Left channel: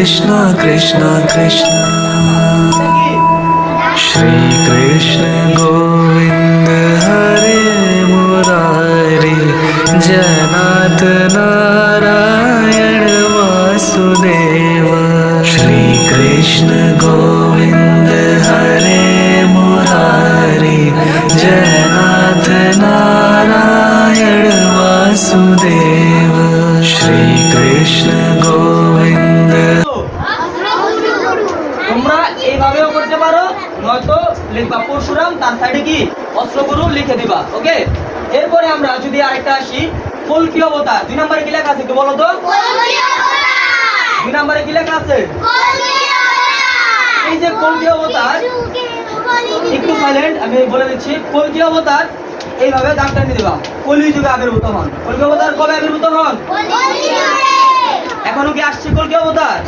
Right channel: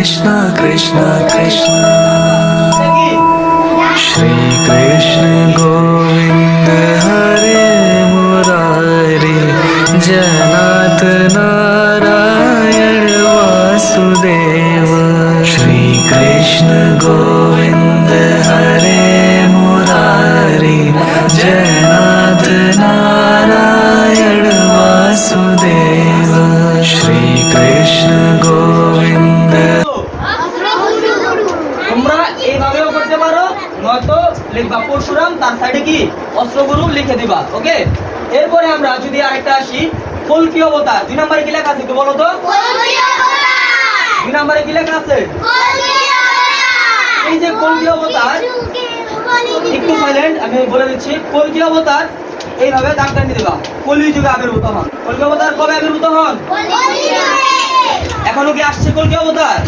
कृष्ण कृष्ण कृष्ण श्री कृष्ण गोविंद हरे मुरारी जनाथ नारायण वासुदेव श्री कृष्ण गोविंद हरे मुरारी जनाथ नारायण वासुदेव श्री कृष्ण गोविंद। তোমরা এইভাবেও করতে পারো, নয়তো লিখবা পরশুরাম, তার সাইডে কি অস্ত্রগুরু লিখে দিবা। ওকে, এরপরে আমরা যদি আরেকটা আসি, কল্কি অবতার 2 নম্বরে কি লেখা আছে তো বলো তো? 2 নম্বরে কি লেখা আছে? এই যে কল্কি অবতার, একটু সাইলেন্ট, আমি বলে দিচ্ছি। কল্কি অবতার এইভাবে দাগ টানিয়ে দিবা। কলিযুগে আবির্ভূত হন। কল্কি অবতার কবে আবির্ভূত হন? এখনো কি আসছে কল্কি অবতার?